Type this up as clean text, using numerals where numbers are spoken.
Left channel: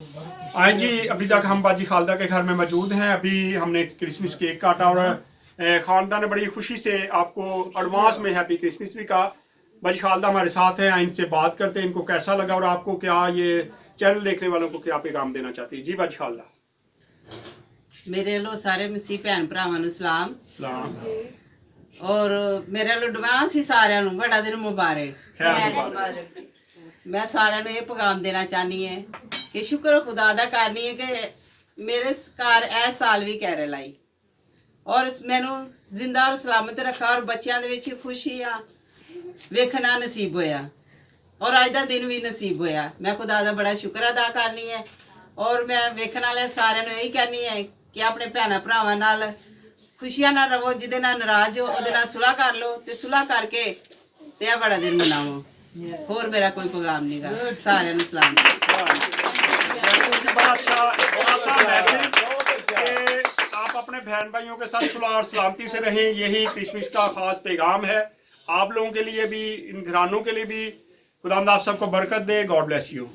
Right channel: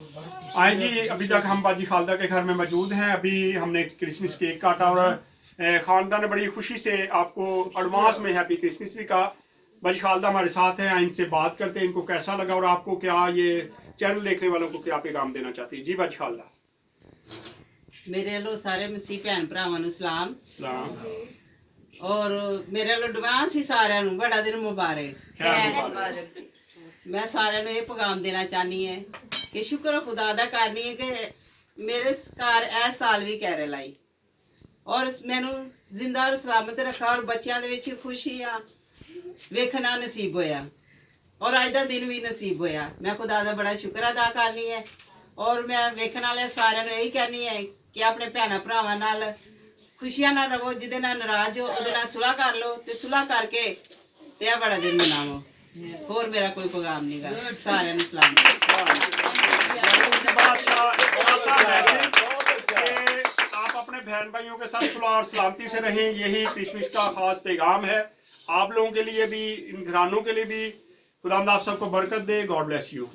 आए जी, अभी तक हम बाजी खालदा के घर में मौजूद हैं। अभी हमने क्रिसमस केक काटा और खानदान ने बड़ी खुशी से आपको एडवांस में हैप्पी क्रिसमस भी कहा। बाजी खालदा हमारे साथ हैं, इनसे बात करते हैं इनको कैसा लगा और आपको क्या ये चैनल देखने वालों को क्या पैगाम देना चाहती है। जी बाजी खालदा। मेरे लो सारे मसीह भैन भरावां नूं सलाम और मेरे लो एडवांस ही सारिਆਂ ਨੂੰ बड़ा दिन मुबारक। मैं सारिਆਂ ਨੂੰ ਇਹ पैगाम देना चाहनी है कि शुक्र खुदा दा करनी है कि मेरे घर ਇਹ साल भी कैरल आई और मैनू जिंदा और सलामत रखा और बच्चों ਦੇ ਵਿੱਚ खुशियां ਵੇਖਣਾ नसीब होया और अज ਦਾ दिन भी नसीब होया। मैं खुदा ਦਾ बड़ा शुक्र अदा करनी है और मैं ਵੇਖਣ ਵਾਲੇ ਸਾਰਿਆਂ ਨੂੰ ਇਹੀ कहनी है कि अपने भैन भरावां नाल खुशियां नाल रवो। जिहदे नाल नाराज हो ਉਹਦੇ ਨਾਲ सुलह कर लो ते सुलह करके ते आ बड़ा दिन मनावो। होर मेरा कोई पैगाम नहीं गा। सारिਆਂ ਨੂੰ सलाम। आप अपने बहन भाइयों के साथ सुलह और सलामती से रहें, यही क्रिसमस का खास पैगाम है आप लोगों के लिए भी, इन घरानों के लिए भी। खुदा आप सबको बरकत दे। God bless you.